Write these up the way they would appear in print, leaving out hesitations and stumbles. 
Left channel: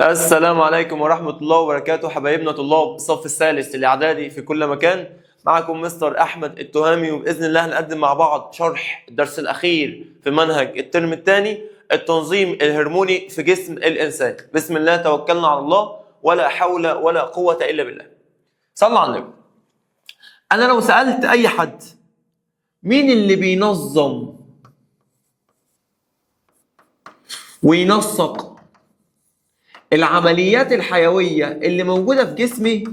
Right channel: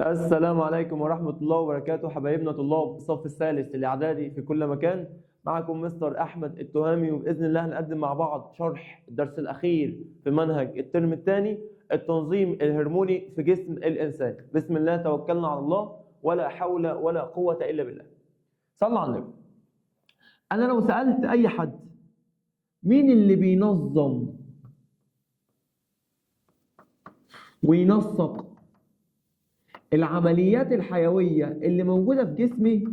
السلام عليكم ورحمة الله وبركاته حبايبنا طلاب الصف الثالث الإعدادي في كل مكان. معكم مستر أحمد التهامي، وبإذن الله هنقدم مع بعض شرح الدرس الأخير في منهج الترم الثاني، التنظيم الهرموني في جسم الإنسان. بسم الله توكلنا على الله، ولا حول ولا قوة إلا بالله. صلى على النبي. أنا لو سألت أي حد مين اللي بينظم وينسق العمليات الحيوية اللي موجودة في جسمي،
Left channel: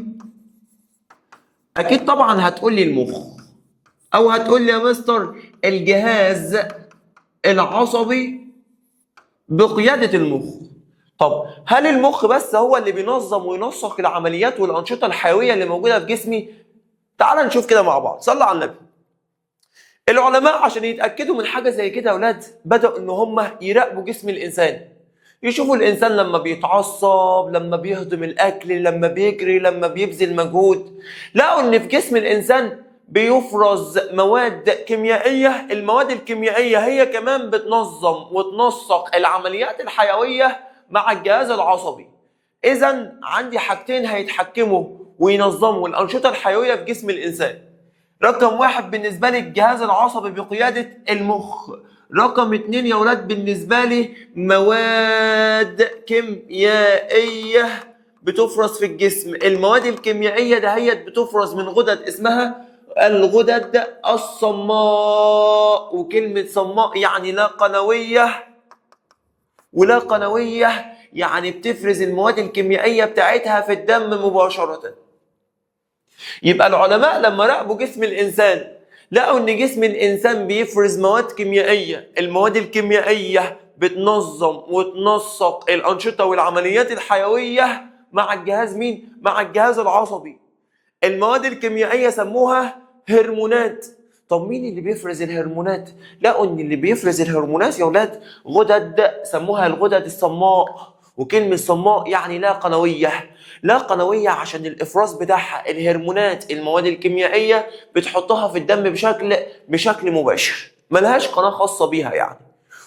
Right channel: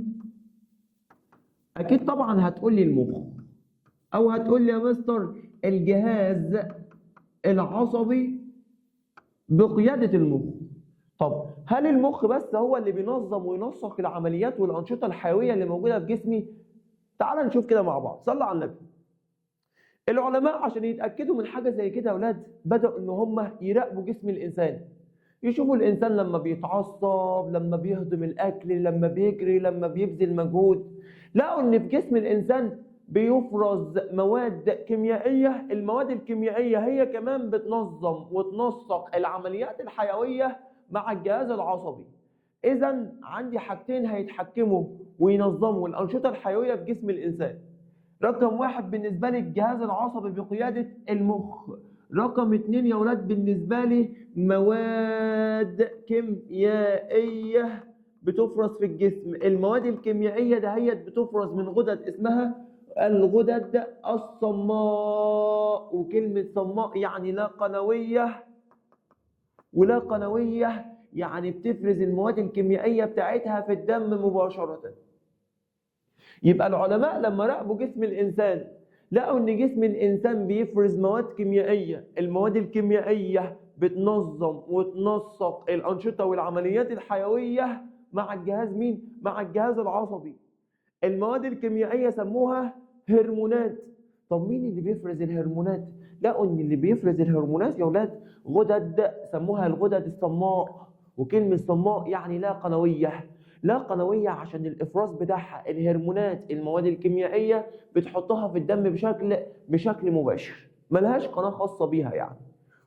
أكيد طبعا هتقول لي المخ، أو هتقول لي يا مستر الجهاز العصبي بقيادة المخ. طب هل المخ بس هو اللي بينظم وينسق العمليات والأنشطة الحيوية اللي موجودة في جسمي؟ تعال نشوف كده مع بعض. صلى على النبي. العلماء عشان يتأكدوا من حاجة زي كده يا أولاد بدأوا إن هم يراقبوا جسم الإنسان، يشوفوا الإنسان لما بيتعصب، لما بيهضم الأكل، لما بيجري، لما بيبذل مجهود. لقوا إن في جسم الإنسان بيفرز مواد كيميائية، المواد الكيميائية هي كمان بتنظم وتنسق العمليات الحيوية مع الجهاز العصبي. إذا عندي حاجتين هيتحكموا وينظموا الأنشطة الحيوية في جسم الإنسان. رقم واحد بالنسبة لي الجهاز العصبي بقيادة المخ. رقم اتنين يا ولاد بالنسبة لي مواد كيميائية بتفرز في الجسم. المواد الكيميائية دهيت بتفرز من غدد اسمها الغدد الصماء، وكلمة صماء يعني لا قنوية، ولا قنوية يعني بتفرز المواد الكيميائية بتاعتها في الدم مباشرة. يبقى العلماء لما راقبوا جسم الإنسان لقوا إن جسم الإنسان بيفرز مواد كيميائية، المواد الكيميائية بتنظم وتنسق الأنشطة والعمليات الحيوية مع الجهاز مين؟ مع الجهاز العصبي. المواد الكيميائية سموها هرمونات. طب مين اللي بيفرز الهرمونات؟ لقوا إن اللي بيفرز الهرمونات يا ولاد غدد سموها الغدد الصماء، وكلمة صماء يعني لا قنوية. لا قنوية عشان الإفراز بتاعها الهرمونات المواد الكيميائية بتحطها في الدم بشكل مباشر، ملهاش قناة خاصة بيها يعني.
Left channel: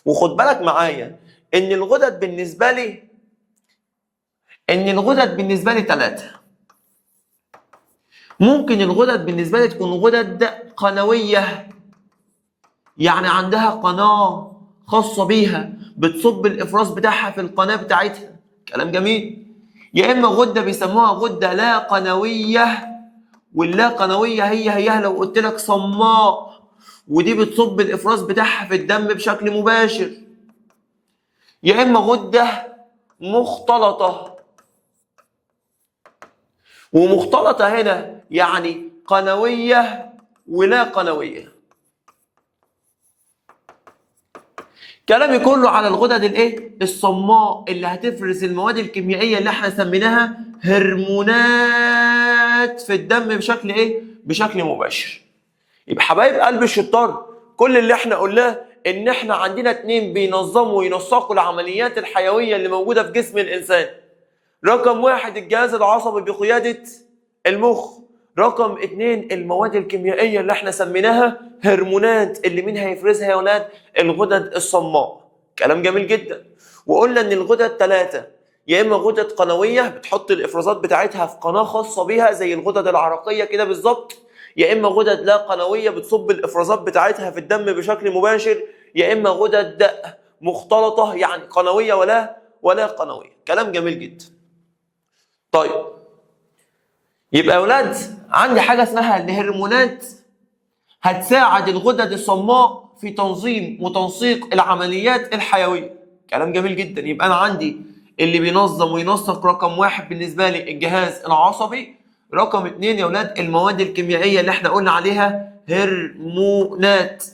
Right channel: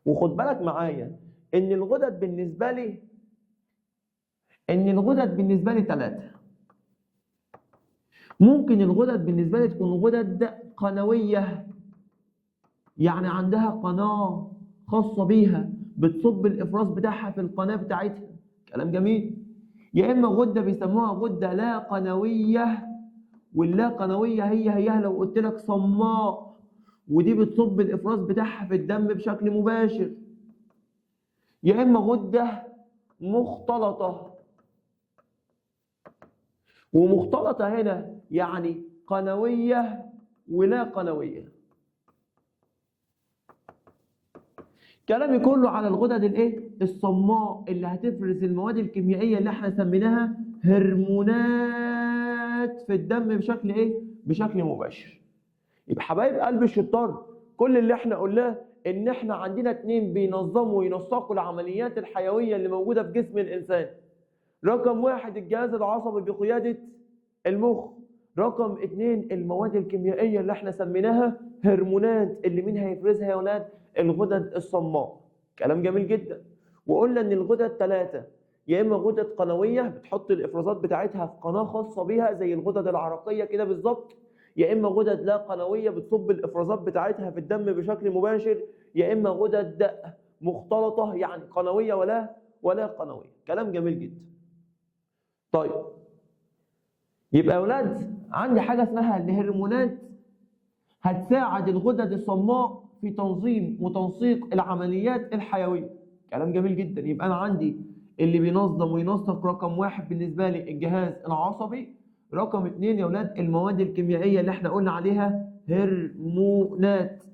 وخد بالك معايا إن الغدد بالنسبة لي ثلاثة. ممكن الغدد بالنسبة لي تكون غدد قنوية، يعني عندها قناة خاصة بيها بتصب الإفراز بتاعها في القناة بتاعتها. كلام جميل. يا إما غدة بيسموها غدة لا قنوية، واللا قنوية هي لو قلت لك صماء، ودي بتصب الإفراز بتاعها في الدم بشكل مباشر. يا إما غدة مختلطة، ومختلطة هنا يعني قنوية ولا قنوية. كلامي كله على الغدد الصماء اللي هتفرز المواد الكيميائية اللي احنا سميناها هرمونات في الدم بشكل مباشر. يبقى حبايب قلب الشطار، كل اللي احنا قلناه ان احنا عندنا اتنين بينظموا وينسقوا العمليات الحيوية اللي موجودة في جسم الانسان. رقم واحد الجهاز العصبي بقيادة المخ. رقم اتنين المواد الكيميائية اللي احنا سميناها هرمونات، اللي مين هيفرزها يا ولاد؟ الغدد الصماء. كلام جميل جدا. وقلنا ان الغدد ثلاثة، يا اما غدد قنوية بتحط الافرازات بتاعتها في قناة خاصة بيها زي الغدد العرقية كده بالظبط، يا اما غدد لا قنوية بتصب الافرازات بتاعتها في الدم بشكل مباشر، يا اما غدد مختلطة يعني قنوية ولا قنوية. كلام جميل جدا. طيب يبقى يا اولاد عندي حاجه اسمها الهرمونات هتساعد الغدد الصماء في تنظيم وتنسيق العمليات الحيويه. كلام جميل جدا. يبقى انا عندي اللي بينظم وينسق رقم واحد بالنسبه لي الجهاز العصبي. رقم اتنين يا اولاد المواد الكيميائيه اللي احنا قلنا عليها هرمونات.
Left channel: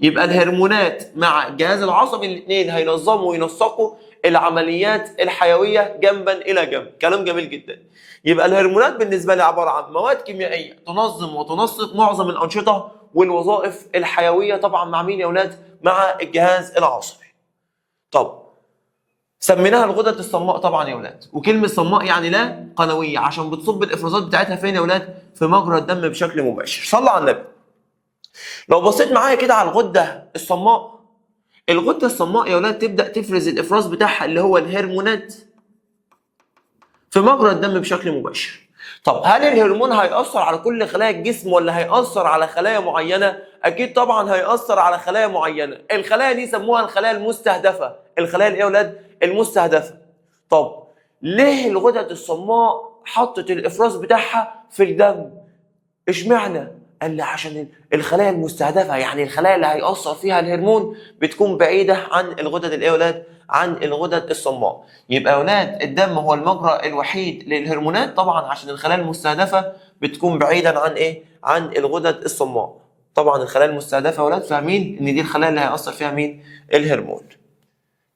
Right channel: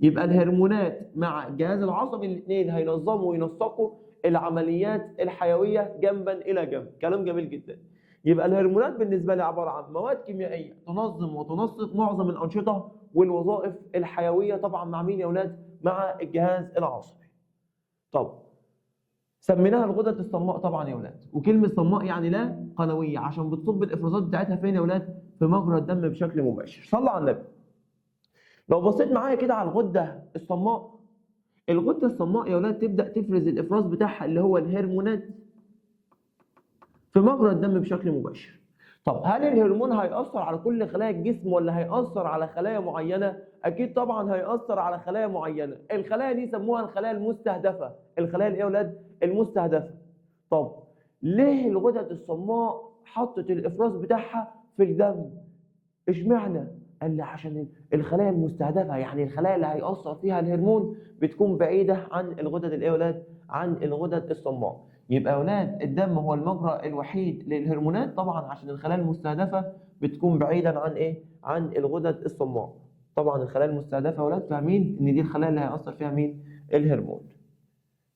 يبقى الهرمونات مع الجهاز العصبي الاثنين هينظموا وينسقوا العمليات الحيويه جنبا الى جنب. كلام جميل جدا. يبقى الهرمونات بالنسبه لي عباره عن مواد كيميائيه تنظم وتنسق معظم الانشطه والوظائف الحيويه، طبعا مع مين يا اولاد؟ مع الجهاز العصبي. طب سميناها الغدد الصماء طبعا يا اولاد، وكلمه صماء يعني لا قنويه عشان بتصب الافرازات بتاعتها فين يا اولاد؟ في مجرى الدم بشكل مباشر. صلى على النبي. لو بصيت معايا كده على الغده الصماء، الغده الصماء يا اولاد تبدا تفرز الافراز بتاعها اللي هو الهرمونات في مجرى الدم بشكل مباشر. طب هل الهرمون هيأثر على كل خلايا الجسم ولا هيأثر على خلايا معينة؟ أكيد طبعا هيأثر على خلايا معينة، الخلايا دي سموها الخلايا المستهدفة، الخلايا اللي يا ولاد المستهدفة. طب ليه الغدد الصماء حطت الإفراز بتاعها في الدم؟ اشمعنى؟ قال لي عشان الخلايا المستهدفة، يعني الخلايا اللي هيأثر فيها الهرمون بتكون بعيدة عن الغدد اللي يا ولاد؟ عن الغدد الصماء. يبقى يا ولاد الدم هو المجرى الوحيد للهرمونات طبعا عشان الخلايا المستهدفة بتكون بعيدا عن ايه؟ عن الغدد الصماء. طبعا الخلايا المستهدفة يا ولاد فاهمين ان دي الخلايا اللي هيأثر فيها مين؟ الهرمون.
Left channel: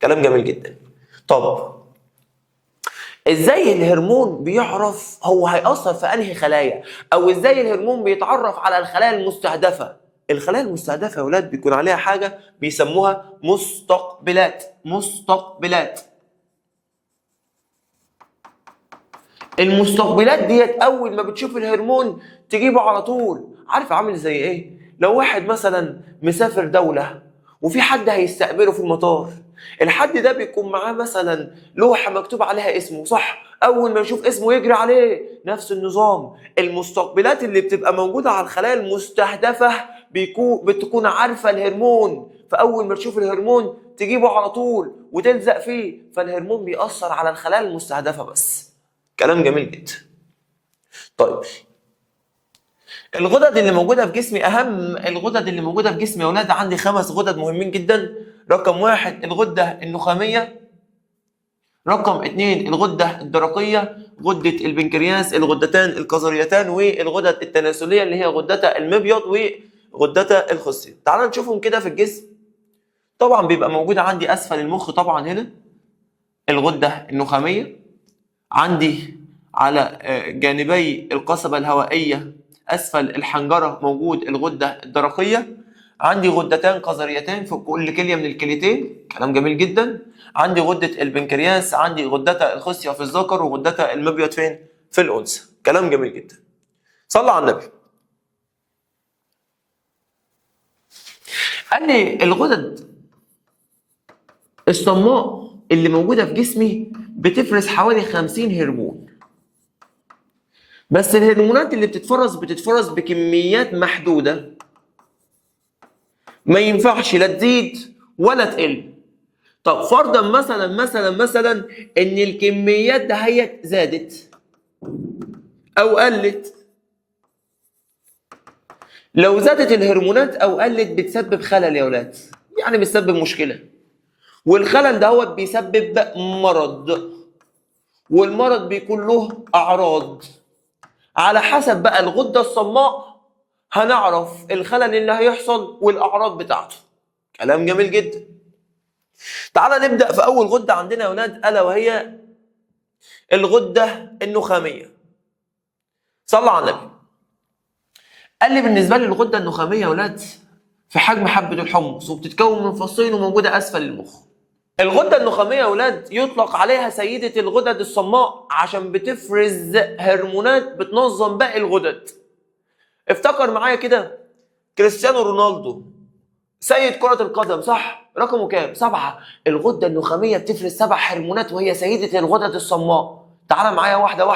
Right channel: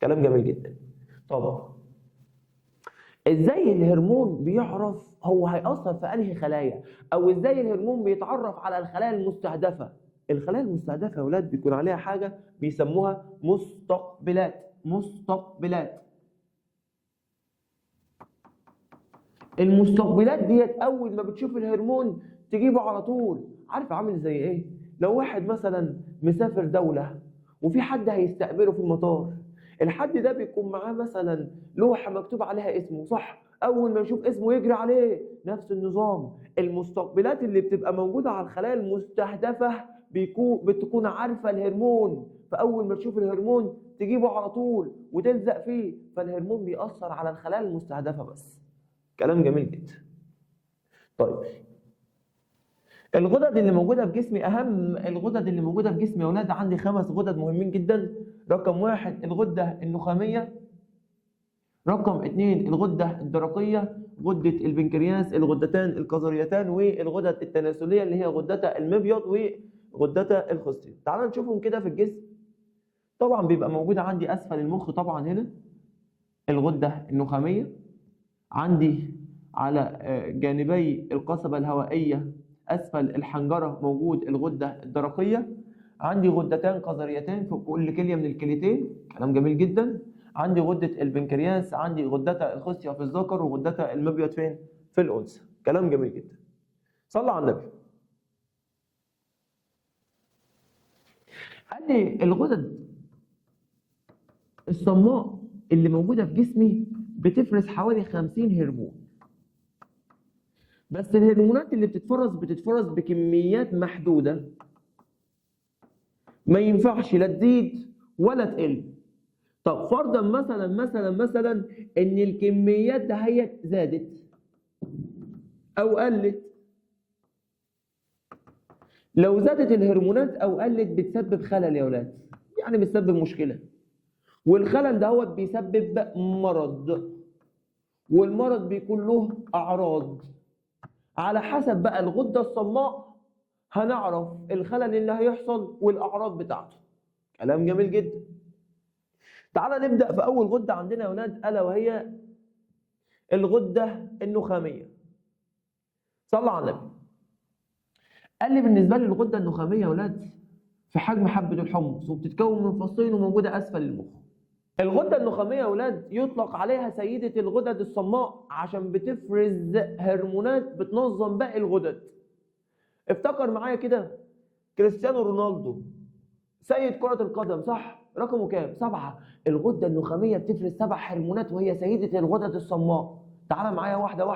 كلام جميل جدا. طب ازاي الهرمون بيعرف هو هيأثر في انهي خلايا؟ او ازاي الهرمون بيتعرف على الخلايا المستهدفة؟ الخلايا المستهدفة يا ولاد بيكون عليها حاجة بيسموها مستقبلات. مستقبلات. المستقبلات ديت اول ما بتشوف الهرمون تجيبه على طول. عارف عامل زي ايه؟ لو واحد مثلا مسافر دولة وفي حد هيستقبله في المطار، الحد ده بيكون معاه مثلا لوحة مكتوب عليها اسمه، صح؟ اول ما يشوف اسمه يجري عليه. نفس النظام، المستقبلات اللي بتبقى موجودة على الخلايا المستهدفة بتكون عارفة الهرمون، فاول ما تشوف الهرمون تجيبه على طول وتلزق فيه. فالهرمون بيأثر على الخلايا المستهدفة بس. كلام جميل جدا. طيب الغدد اللي موجوده في جسمي، اهم الغدد اللي موجوده في جسمي يا اولاد عندي 5 غدد مهمين جدا. رقم 1 الغده النخاميه. رقم 2 الغده الدرقيه، غده البنكرياس، الغدتان الكظريتان، والغدد التناسليه اللي هي غدتا المبيض وغدتا الخصيه. تعالوا نشوفهم كده في الجسم. طبعا بيبقى موجود عندي اسفل المخ طبعا هنا الغده النخاميه، عندي على جانبي القصبة الهوائية أسفل الحنجرة موجود الغدة الدرقية، عندي غدتان قذريتان في كل كلية من الكليتين. كلام جميل جدا. عندي غدة البنكرياس، عندي غدة الخصية في الذكر وغدة المبيض فين؟ في الأنثى. كلام جميل جدا. صلى على النبي. قال لي الغدد الصماء اللي موجودة في جسمي بتفرز حوالي 50 هرمون، بس الهرمونات اللي بتتفرز بكميات محدودة، ما ينفعش لا تزيد ولا تقل. طب فرضا مثلا ان الكميات دهيت زادت او قلت. لو زادت الهرمونات او قلت بتسبب خلل يا ولاد، يعني بتسبب مشكلة، والخلل دهوت بيسبب مرض، والمرض بيكون له اعراض. على حسب بقى الغدة الصماء هنعرف الخلل اللي هيحصل والاعراض بتاعته. كلام جميل جدا. تعال نبدأ في أول غدة عندنا يا ولاد، ألا وهي الغدة النخامية. صلى على النبي. قال لي بالنسبة لي الغدة النخامية يا ولاد في حجم حبة الحمص، وبتتكون من فصين وموجودة أسفل المخ. الغدة النخامية يا ولاد يطلق عليها سيدة الغدد الصماء عشان بتفرز هرمونات بتنظم باقي الغدد. افتكر معايا كده كريستيانو رونالدو سيد كرة القدم، صح؟ رقمه كام؟ 7. الغدة النخامية بتفرز 7 هرمونات وهي سيدة الغدد الصماء. تعال معايا واحدة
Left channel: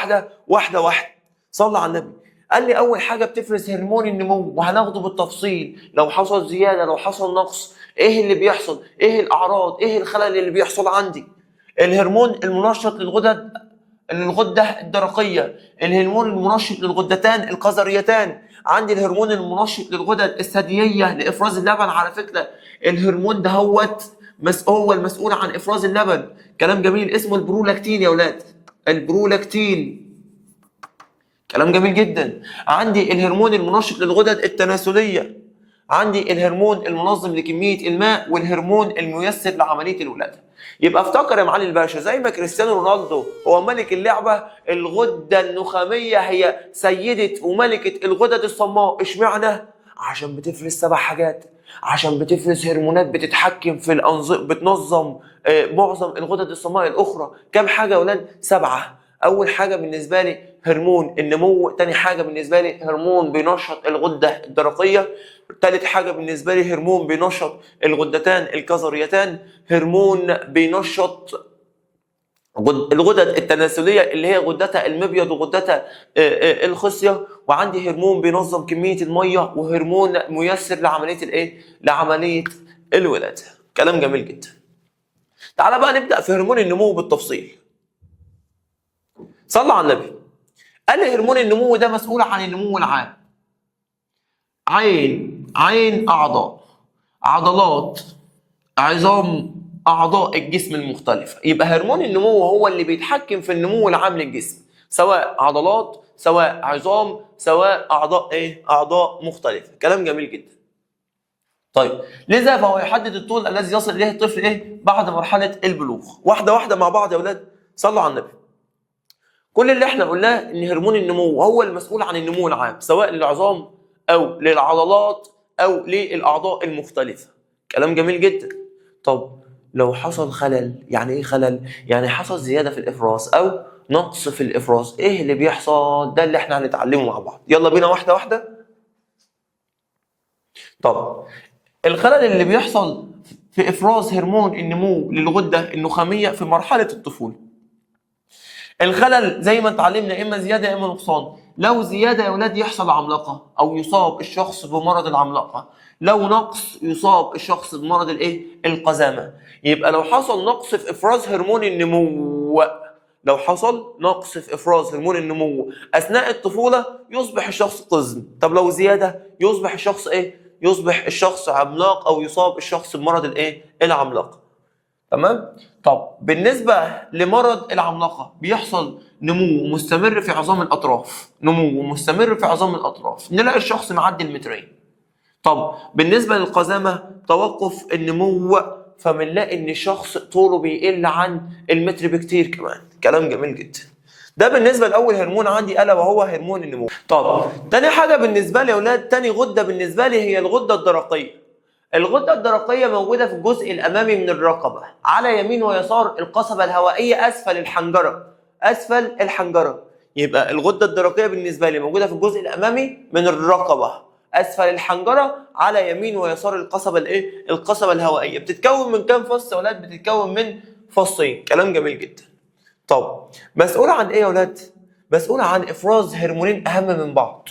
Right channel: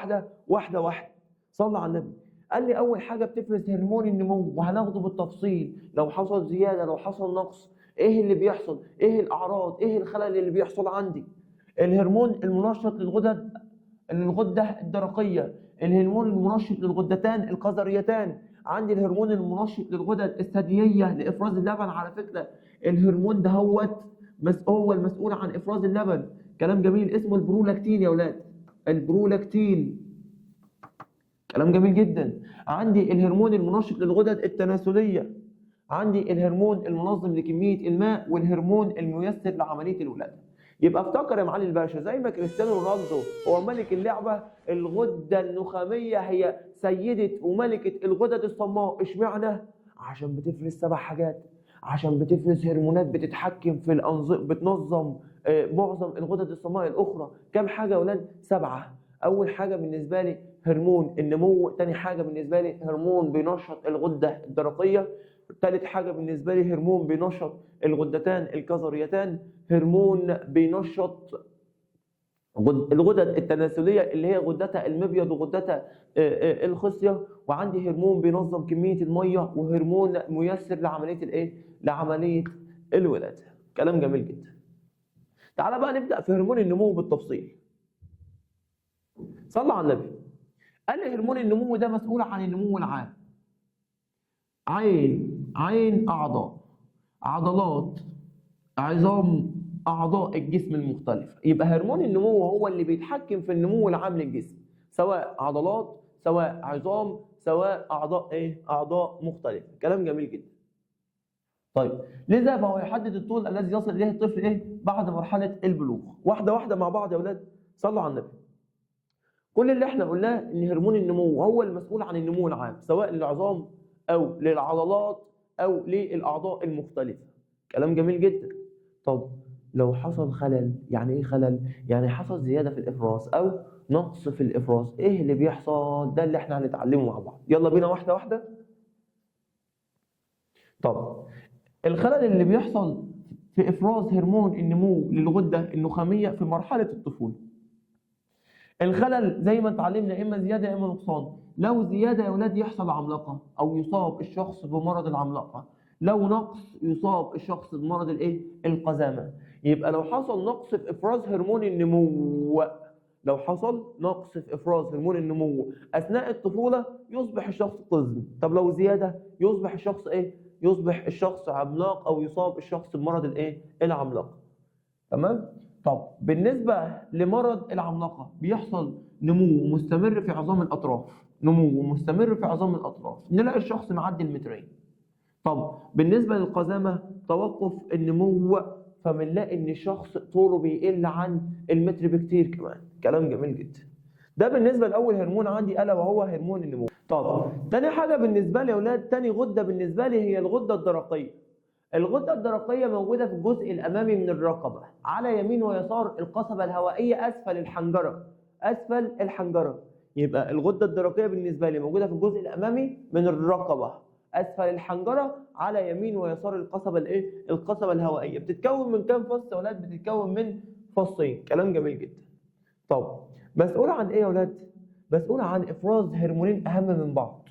واحدة. صلى على النبي. قال لي أول حاجة بتفرز هرمون النمو، وهناخده بالتفصيل لو حصل زيادة لو حصل نقص، إيه اللي بيحصل؟ إيه الأعراض؟ إيه الخلل اللي بيحصل عندي؟ الهرمون المنشط للغدة الدرقية، الهرمون المنشط للغدتان القذريتان، عندي الهرمون المنشط للغدد الثديية لإفراز اللبن. على فكرة الهرمون ده هو المسؤول عن إفراز اللبن. كلام جميل. اسمه البرولاكتين يا ولاد، البرولاكتين. كلام جميل جدا. عندي الهرمون المنشط للغدد التناسلية، عندي الهرمون المنظم لكمية الماء، والهرمون الميسر لعملية الولادة. يبقى افتكر يا معالي الباشا زي ما كريستيانو رونالدو هو ملك اللعبة، الغدة النخامية هي سيدة وملكة الغدد الصماء. اشمعنى؟ عشان بتفرز 7 حاجات، عشان بتفرز هرمونات بتتحكم في بتنظم معظم الغدد الصماء الأخرى. كم حاجة يا ولاد؟ 7. أول حاجة بالنسبة لي هرمون النمو، تاني حاجة بالنسبة لي هرمون بينشط الغدة الدرقية، تالت حاجة بالنسبة لي هرمون بينشط الغدتان الكظريتان، هرمون بينشط الغدد التناسليه اللي هي غدتها المبيض وغدتها الخصيه، وعندي هرمون بينظم كميه الميه، وهرمون ميسر لعمليه الايه؟ لعمليه الولاده. كلام جميل جدا. تعالى بقى نبدا في هرمون النمو بالتفصيل. صلى على النبي. قال لي هرمون النمو ده مسؤول عن النمو العام. عين اعضاء، عضلات، عظام اعضاء الجسم المختلفه. يبقى هرمون النمو هو اللي بيتحكم في النمو العام للجسم، سواء عضلات، سواء عظام، سواء اعضاء مختلفه. كلام جميل جدا. طيب لذا فهو يحدد الطول الذي يصل اليه الطفل بعد مرحله البلوغ. واحده واحده مع بعض يا اولاد، صلوا على النبي. كل اللي احنا قلناه ان هرمون النمو هو المسؤول عن النمو العام، سواء للعظام او للعضلات او للاعضاء المختلفه. كلام جميل جدا. طب لو حصل خلل، يعني ايه خلل؟ يعني حصل زياده في الافراز او نقص في الافراز، ايه اللي بيحصل؟ ده اللي احنا هنتعلمه مع بعض. يلا بينا واحده واحده. طب الخلل اللي بيحصل في افراز هرمون النمو للغده النخاميه في مرحله الطفوله. الخلل زي ما اتعلمنا اما زياده اما نقصان. لو زياده يا اولاد يحصل عملاقه او يصاب الشخص بمرض العملاقه، لو نقص يصاب الشخص بمرض القزامه. يبقى لو حصل نقص في افراز هرمون النمو، لو حصل نقص في افراز هرمون النمو اثناء الطفوله يصبح الشخص قزم. طب لو زياده يصبح الشخص يصبح الشخص عملاق او يصاب الشخص بمرض العملاقه. تمام؟ طب بالنسبة لمرض العملاقة بيحصل نمو مستمر في عظام الأطراف، نمو مستمر في عظام الأطراف، نلاقي الشخص معدي المترين. طب بالنسبة للقزامة توقف النمو، فبنلاقي إن الشخص طوله بيقل عن المتر بكتير كمان. كلام جميل جدا. ده بالنسبة لأول هرمون عندي ألا وهو هرمون النمو. طب تاني حاجة بالنسبة لي يا أولاد، تاني غدة بالنسبة لي هي الغدة الدرقية. الغدة الدرقية موجودة في الجزء الأمامي من الرقبة، على يمين ويسار القصبة الهوائية أسفل الحنجرة، أسفل الحنجرة. يبقى الغدة الدرقية بالنسبة لي موجودة في الجزء الأمامي من الرقبة، أسفل الحنجرة، على يمين ويسار القصبة الهوائية. بتتكون من كام فص يا أولاد؟ بتتكون من فصين. كلام جميل جدا. طب مسؤولة عن إيه يا أولاد؟ مسؤولة عن إفراز هرمونين أهم من بعض.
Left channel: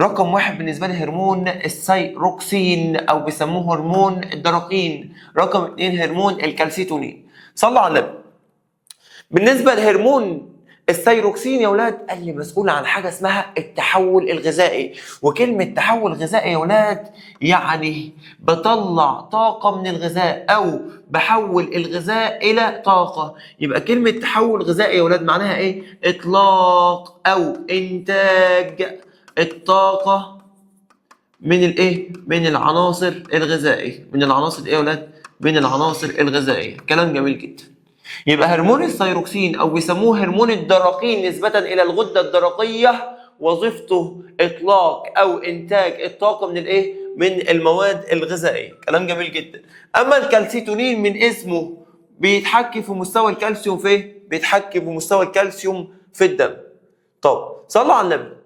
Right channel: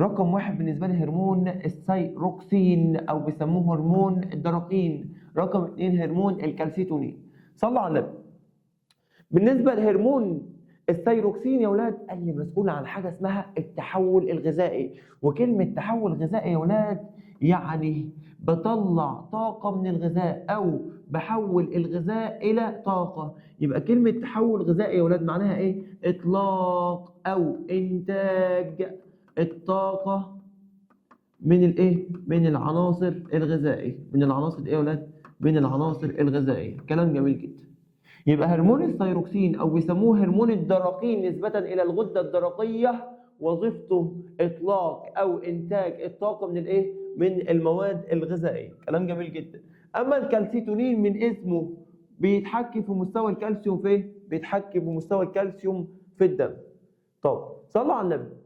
رقم واحد بالنسبة لي هرمون الثايروكسين أو بيسموه هرمون الدرقين. رقم اتنين هرمون الكالسيتونين. صلوا على النبي. بالنسبة لهرمون الثايروكسين يا أولاد قال لي مسؤول عن حاجة اسمها التحول الغذائي. وكلمة تحول غذائي يا أولاد يعني بطلع طاقة من الغذاء أو بحول الغذاء إلى طاقة. يبقى كلمة تحول غذائي يا أولاد معناها إيه؟ إطلاق أو إنتاج الطاقة من من العناصر الغذائية. من العناصر ايه يا ولاد؟ من العناصر الغذائية. كلام جميل جدا. يبقى هرمون الثايروكسين او بيسموه هرمون الدرقين نسبة الى الغدة الدرقية وظيفته اطلاق او انتاج الطاقة من من المواد الغذائية. كلام جميل جدا. اما الكالسيتونين من اسمه بيتحكم في مستوى الكالسيوم بيتحكم بمستوى الكالسيوم في الدم. طب صلوا على النبي.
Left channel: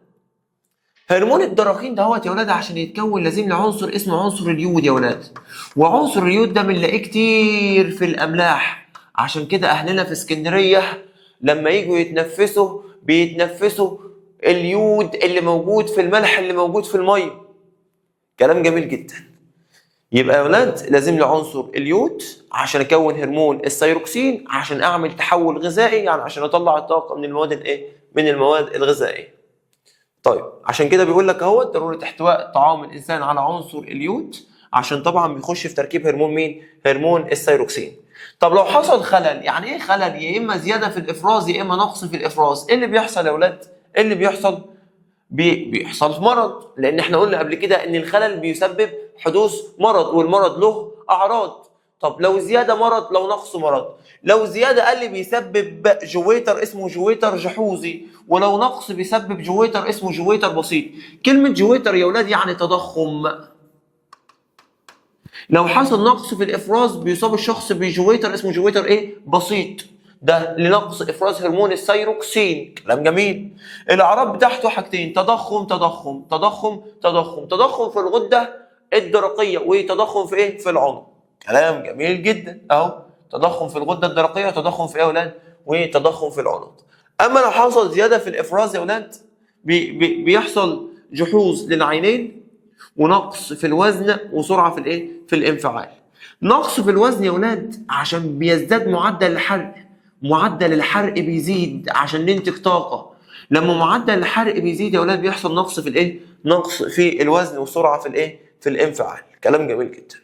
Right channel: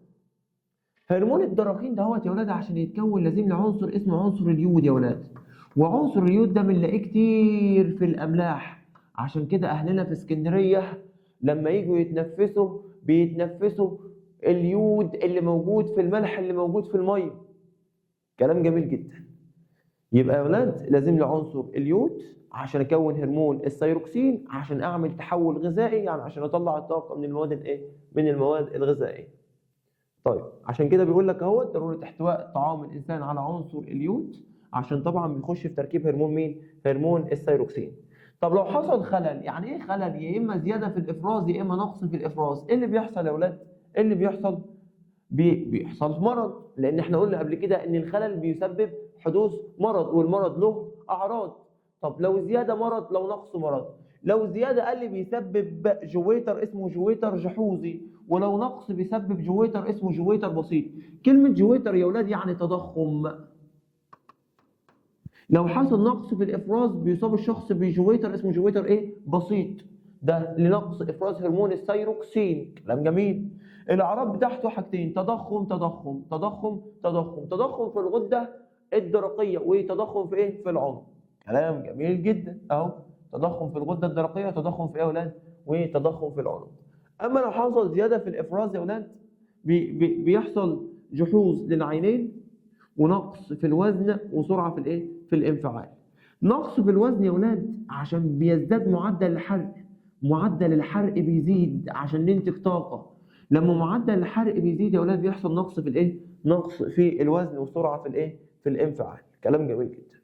هرمون الدرقين دهوت يا ولاد عشان يتكون لازم له عنصر اسمه عنصر اليود يا ولاد. وعنصر اليود ده بنلاقيه كتير في الاملاح. عشان كده اهلنا في اسكندريه لما يجوا يتنفسوا بيتنفسوا اليود اللي موجود في الملح اللي موجود في الميه. كلام جميل جدا. يبقى يا ولاد لازم له عنصر اليود عشان اكون هرمون الثايروكسين عشان اعمل تحول غذائي، يعني عشان اطلع الطاقه من المواد من المواد الغذائيه. طيب عشان كده بيقول لك اهو ضروره احتواء طعام الانسان على عنصر اليود عشان طبعا بيخش في تركيب هرمون هرمون الثايروكسين. طب لو حصل خلل، يعني ايه خلل؟ يا اما زياده في الافراز يا اما نقص في الافراز. ايه اللي بيحصل يا اولاد؟ ايه اللي بيحصل؟ بيحصل مرض، لان احنا قلنا قبل كده ان الخلل بيسبب حدوث مرض والمرض له اعراض. طب لو زياده مرض، لو نقص مرض. لو زياده قال لي بيسبب جويتر اسمه جويتر جحوظي، ولو نقص بيسبب جويتر اسمه جويتر بسيط. كلمه جويتر يا اولاد يعني تضخم. لو حصل نقص في الافراز بيصاب الشخص بجويتر اسمه جويتر بسيط. ده لنقص افراز هرمون الثايروكسين. كلام جميل. الاعراض بتاعته حاجتين: تضخم تضخم تضخم تضخم. تضخم في الغده الدرقيه وتضخم في في العنق. كلام جميل جدا اهو. تضخم في الغده الدرقيه وتضخم في يا اولاد؟ وتضخم في العنق. اما لو حصل زياده في الافراز يا اولاد بيحصل جحوظ للعينين ونقص في الوزن وسرعه في الايه؟ في الانفعال. نقص في الوزن يا اولاد عشان بيزداد معدل الحرق، معدل الحرق بيزيد عشان ننتج طاقه. لما معدل الحرق بيزيد يا اولاد بيحصل نقص في الايه؟ نقص في الوزن وسرعه في الايه؟ في الانفعال. كلام جميل جدا.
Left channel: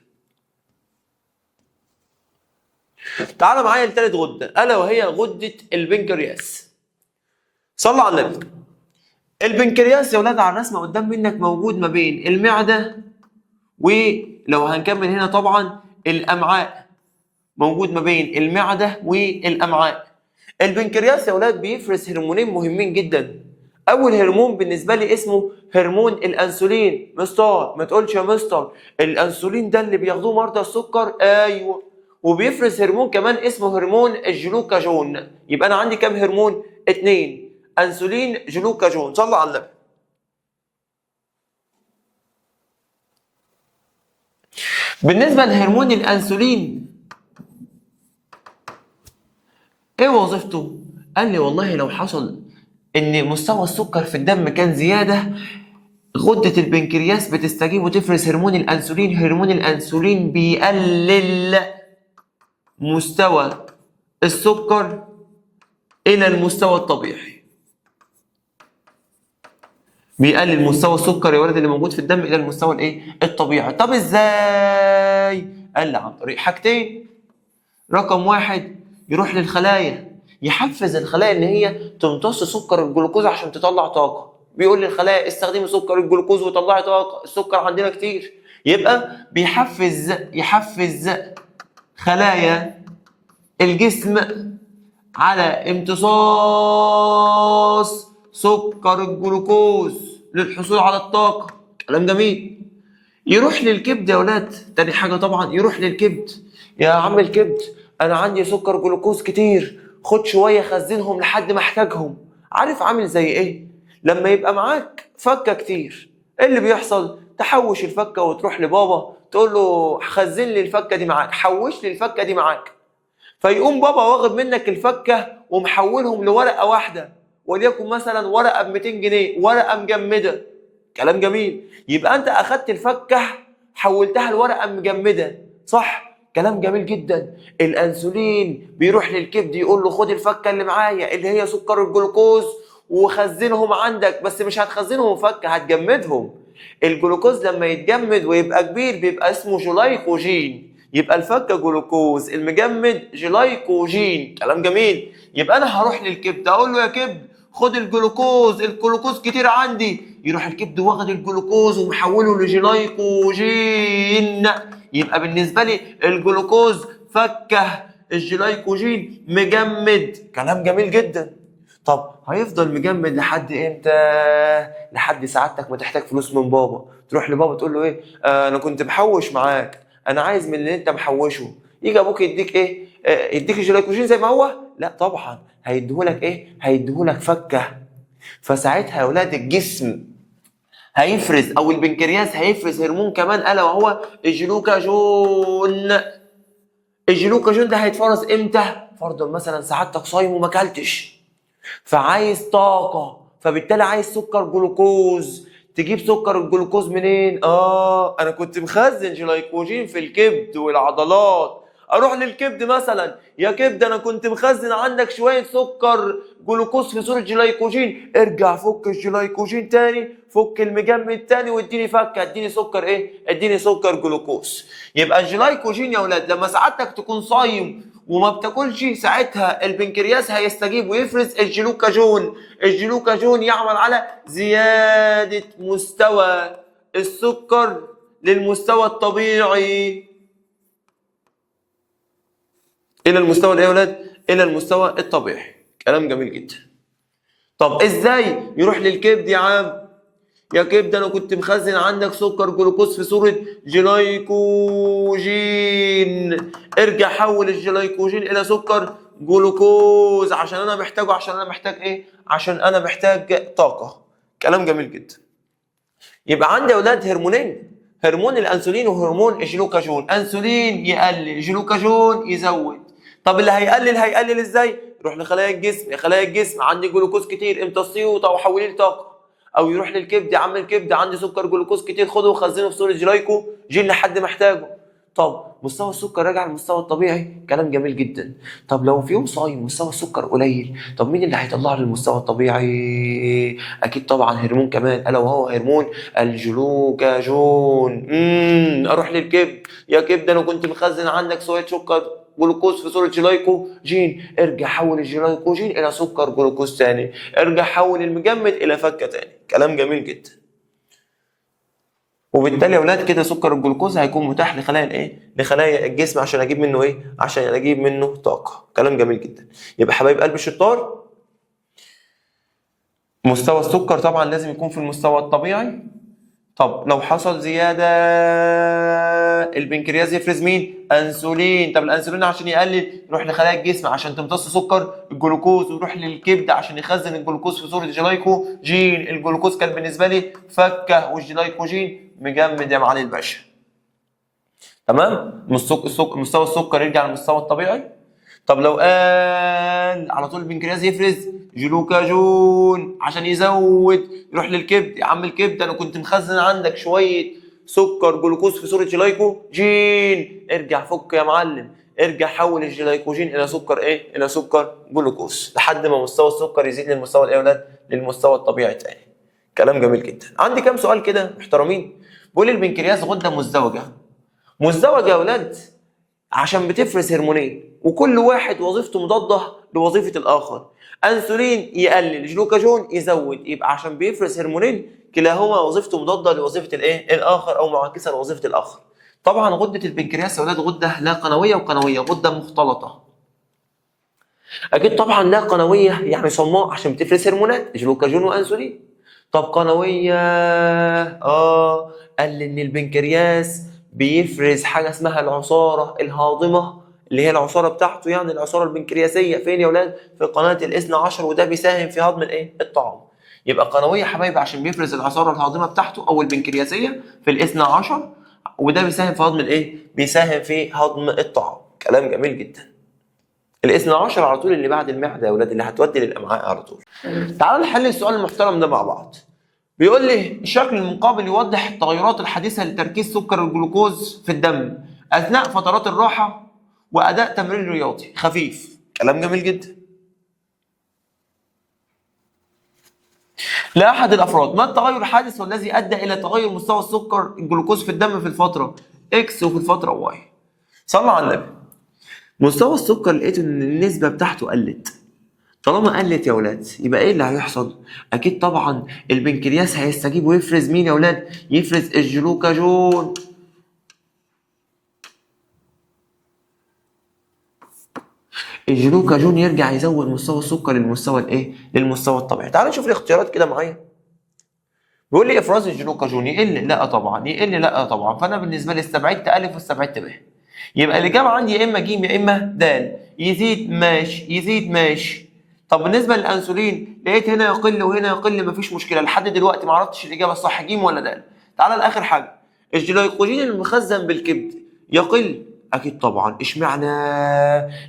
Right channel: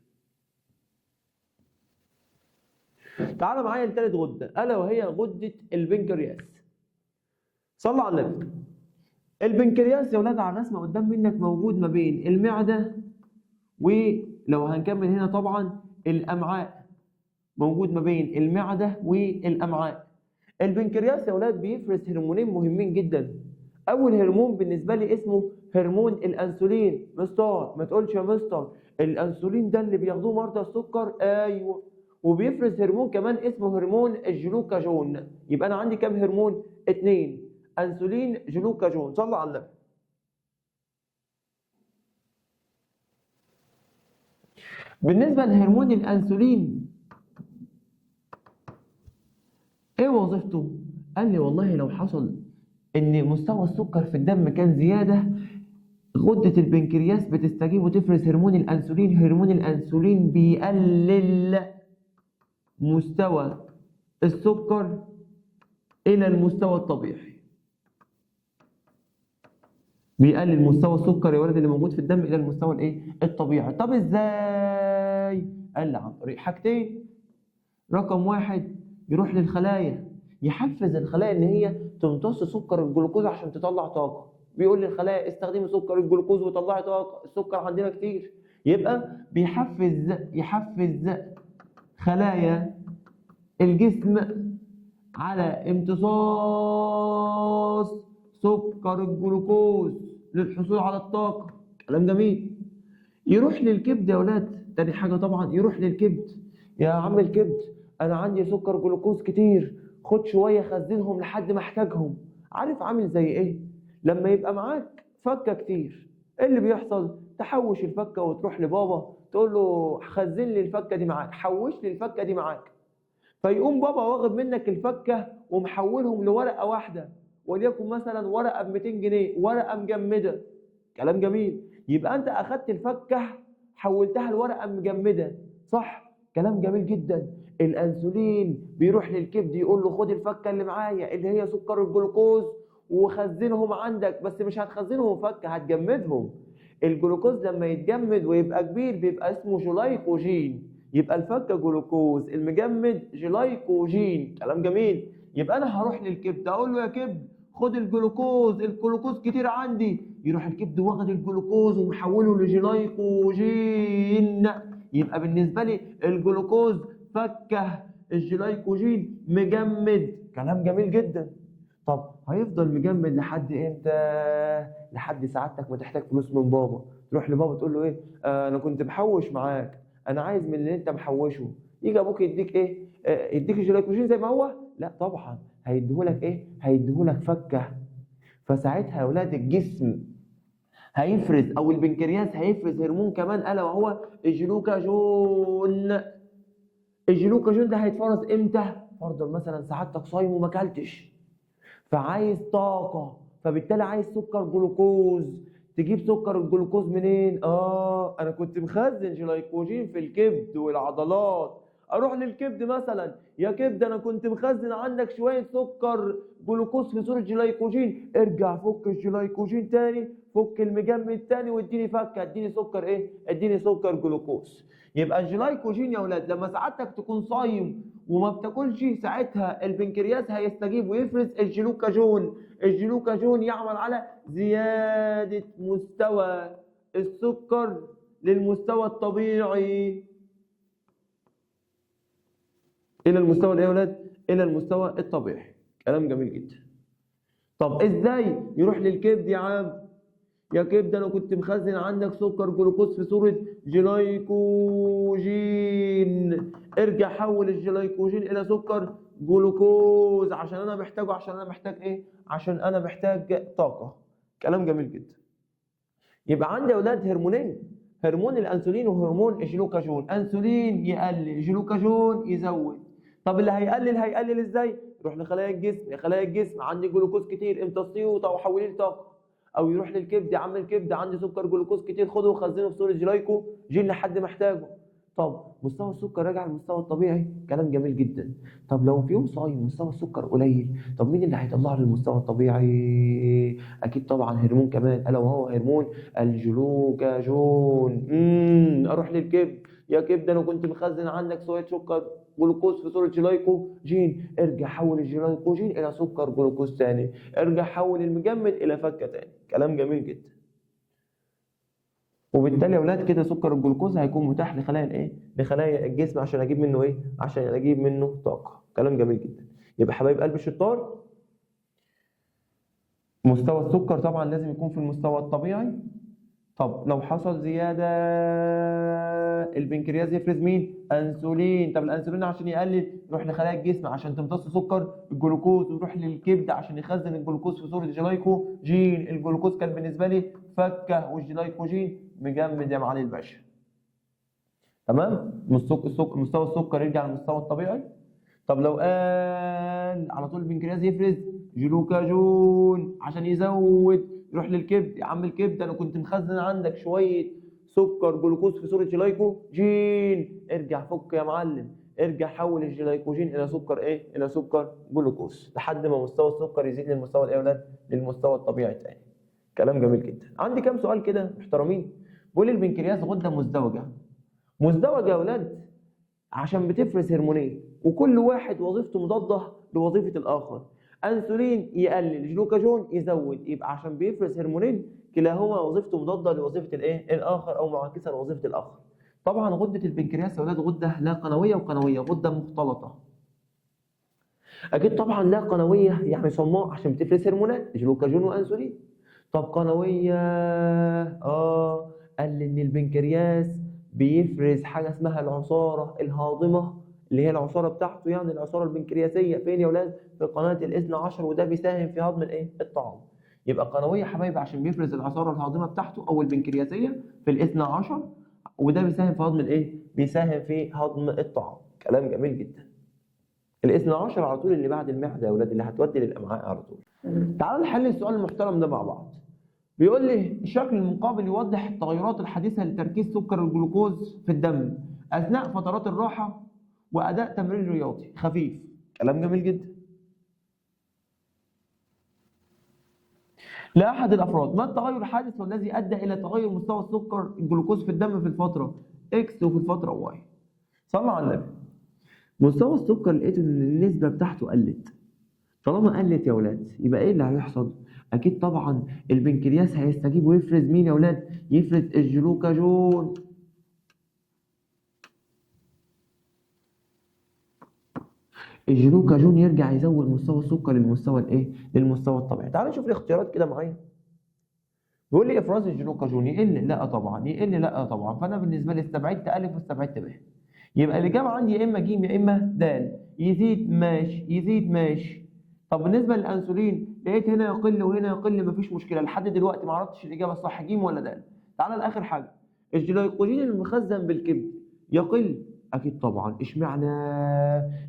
تعال معايا لثالث غده الا وهي غده البنكرياس. صلى على النبي. البنكرياس يا اولاد على الرسمه قدام منك موجود ما بين المعده، ولو هنكمل هنا طبعا الامعاء، موجود ما بين المعده والامعاء. البنكرياس يا اولاد بيفرز هرمونين مهمين جدا. اول هرمون بالنسبه لي اسمه هرمون الانسولين. مستر ما تقولش يا مستر الانسولين ده اللي بياخدوه مرضى السكر. ايوه. وبيفرز هرمون كمان اسمه هرمون الجلوكاجون. يبقى انا عندي كام هرمون؟ 2، انسولين جلوكاجون. صلى على النبي. بالنسبه لهرمون الانسولين ايه وظيفته؟ قال لي والله لو حصل ان مستوى السكر في الدم كان زياده، غده البنكرياس بتستجيب وتفرز هرمون الانسولين. هرمون الانسولين بيقلل مستوى السكر الى المستوى الطبيعي. بيقلل مستوى السكر يا ولد اللي موجود في الدم الى المستوى الايه؟ الطبيعي. طب ازاي؟ قال لي عن طريق حاجتين. رقم 1 يروح للخلايا، يحفز الخلايا ان هي تمتص سكر الجلوكوز عشان تطلع طاقه. بيقول للخلايا استخدمي سكر الجلوكوز وطلعي طاقه، السكر عندنا كتير. يبقى يحفز خلايا الجسم على امتصاص سكر الجلوكوز للحصول على الطاقه. كلام جميل. يروح للكبد يا ولاد. تاني حاجه طبعا يروح للكبد. يا عم الكبد انا عندي سكر جلوكوز كتير، خد شويه خزنهم لحد ما احتاجهم. عارف عامل زي ايه؟ لما يبقى معاك فكه كتير، ايه اللي بيحصل؟ تحوش الفكه وتروح لبابا تقول له خزن لي الفكه دي معاك، حوش لي الفكه دي معاك. فيقوم بابا واخد منك الفكه ومحولهم لورقه واحده، وليكن مثلا ورقه ب 200 جنيه، ورقه مجمده. كلام جميل. يبقى انت اخدت الفكه حولتها لورقه مجمده، صح؟ كلام جميل جدا. الانسولين بيروح للكبد يقول له خد الفكه اللي معايا اللي هي سكر الجلوكوز وخزنهم عندك، بس مش هتخزنهم فكه، هتجمدهم. الجلوكوز لما يتجمد ويبقى كبير بيبقى اسمه جلايكوجين. يبقى الفكه جلوكوز، المجمد جلايكوجين. كلام جميل. يبقى انا هروح للكبد اقول له يا كبد خد الجلوكوز، الجلوكوز كتير عندي. يروح الكبد واخد الجلوكوز ومحوله لجلايكوجين. يبقى بالنسبه لي الجلوكوز فكه، الجلايكوجين مجمد. كلام جميل جدا. طب هيفضل مجمد لحد امتى؟ لحد سعادتك ما تحتاج فلوس من بابا، تروح لبابا تقول له ايه؟ انا كنت محوش معاك، انا عايز من اللي انت محوشه. يجي ابوك يديك ايه؟ يديك الجلايكوجين زي ما هو؟ لا طبعا، هيديهولك ايه؟ هيديهولك فكه. فساعتها يا اولاد الجسم هيفرز او البنكرياس هيفرز هرمون كمان الا وهو الجلوكاجون. الجلوكاجون ده هيتفرز امتى؟ فرضا مثلا سعادتك صايم وما اكلتش، فعايز طاقه، فبالتالي عايز سكر جلوكوز. تجيب سكر الجلوكوز منين؟ انا كنت مخزن جلايكوجين في الكبد والعضلات. اروح للكبد مثلا، يا كبد انا كنت مخزن عندك شويه سكر جلوكوز في صوره جلايكوجين، ارجع فك الجلايكوجين تاني، فك المجمد تاني واديني فكه، اديني سكر ايه؟ اديني سكر جلوكوز. يبقى الجلايكوجين يا اولاد لما سعادتك تكون صايم وما بتاكلش، ساعتها البنكرياس هيستجيب ويفرز الجلوكاجون. الجلوكاجون يعمل على زياده مستوى السكر للمستوى الطبيعي. الى المستوى الايه يا ولاد؟ الى المستوى الطبيعي. كلام جميل جدا. طب ازاي يروح للكبد يا عم؟ يا كبد انا كنت مخزن عندك سكر جلوكوز في صوره جلايكوجين، ارجع حول الجلايكوجين الى سكر جلوكوز عشان انا محتاجه. عشان انا محتاج ايه؟ عشان انا محتاج طاقه. كلام جميل جدا. يبقى عندي يا اولاد هرمونين، هرمون الانسولين وهرمون الجلوكاجون. انسولين يقلل، جلوكاجون يزود. طب اللي هيقلل ازاي؟ يروح لخلايا الجسم، خلايا الجسم عندي جلوكوز كتير امتصيه وحوليه لطاقه، او يروح للكبد، يا عم الكبد عندي سكر جلوكوز كتير خده وخزنه في صوره جلايكوجين لحد ما احتاجه. طب مستوى السكر راجع للمستوى الطبيعي، كلام جميل جدا. طب لو في يوم صايم مستوى السكر قليل، طب مين اللي هيطلع للمستوى الطبيعي؟ اكيد طبعا هرمون كمان، الا وهو هرمون الجلوكاجون. اروح للكبد، يا كبد انا كنت مخزن عندك شويه سكر جلوكوز في صوره جلايكوجين، ارجع حول الجلايكوجين الى سكر جلوكوز ثاني، ارجع حول المجمد الى فكه ثاني. كلام جميل جدا. وبالتالي يا اولاد كده سكر الجلوكوز هيكون متاح لخلايا الايه؟ لخلايا الجسم عشان اجيب منه ايه؟ عشان اجيب منه طاقه. كلام جميل جدا. يبقى حبايب قلب الشطار، مستوى السكر طبعا لازم يكون في المستوى الطبيعي. طب لو حصل زياده البنكرياس يفرز مين؟ انسولين. طب الانسولين عشان يقلل يروح لخلايا الجسم عشان تمتص سكر الجلوكوز، ويروح للكبد عشان يخزن الجلوكوز في صوره جلايكوجين. الجلوكوز كان بالنسبه لي فكه، والجلايكوجين مجمد يا معالي الباشا. تمام؟ مستوى السكر يرجع للمستوى الطبيعي. طب لو قال على طول البنكرياس يفرز جلوكاجون عشان يزود، يروح للكبد، يا عم الكبد انا كنت مخزن عندك شويه سكر جلوكوز في صوره جلايكوجين، ارجع فك يا معلم، ارجع حول الجلايكوجين الى سكر ايه؟ الى سكر جلوكوز، لحد ما مستوى السكر يزيد للمستوى الايه يا اولاد؟ للمستوى الطبيعي تاني. كلام جميل جدا. عندي كام سؤال كده محترمين. بيقول البنكرياس غده مزدوجه. مزدوجه يا اولاد عشان بتفرز هرمونين، وكل واحد وظيفته مضاده لوظيفه الاخر. انسولين يقلل، جلوكاجون يزود، يبقى عشان بيفرز هرمونين كلاهما وظيفته مضاده لوظيفه الايه؟ الاخر، او معاكسه لوظيفه الاخر. طبعا غده البنكرياس يا اولاد غده لا قنويه وقنويه، غده مختلطه. اكيد طبعا لا قنويه يعني صماء عشان بتفرز هرمونات جلوكاجون وانسولين. طب قنويه قال ان البنكرياس بيفرز حاجه اسمها العصاره الهاضمه، اللي هي العصاره بتاعته، يعني العصاره البنكرياسيه فين يا اولاد؟ في قناه الاثنى عشر، وده بيساهم في هضم الايه؟ الطعام. يبقى قنويه حبايبي عشان بيفرز العصاره الهاضمه بتاعته او البنكرياسيه في الاثنى عشر، وده بيساهم في هضم الايه؟ بيساهم في هضم الطعام. كلام جميل جدا. الاثنى عشر على طول اللي بعد المعده يا اولاد، اللي هتودي للامعاء على طول. تعالوا نحل السؤال المحترم ده مع بعض. بيقول لي الشكل المقابل يوضح التغيرات الحديثه لتركيز سكر الجلوكوز في الدم اثناء فترات الراحه واداء تمرين رياضي خفيف. كلام جميل جدا. لاحد الافراد ما التغير الحادث والذي ادى الى تغير مستوى السكر الجلوكوز في الدم في الفتره اكس وفي الفتره واي؟ صلوا على النبي. مستوى السكر لقيت ان النسبه بتاعته قلت. طالما قلت يا ولاد يبقى ايه اللي هيحصل؟ اكيد طبعا البنكرياس هيستجيب ويفرز مين يا ولاد؟ يفرز الجلوكاجون. الجلوكاجون يرجع يزود مستوى السكر للمستوى الايه؟ للمستوى الطبيعي. تعالوا نشوف الاختيارات كده معايا. بيقول لي افراز الجلوكاجون يقل؟ لا طبعا. يقل؟ لا طبعا. فانا بالنسبه لي استبعدت الف واستبعدت ب. يبقى الاجابه عندي يا اما ج يا اما د. يزيد ماشي، يزيد ماشي. طب بالنسبه للانسولين لقيت هنا يقل وهنا يقل، مفيش مشكله. لحد دلوقتي ما عرفتش الاجابه الصح ج ولا د. تعالى لاخر حاجه. الجلايكوجين المخزن بالكبد يقل؟ اكيد طبعا. اشمعنى؟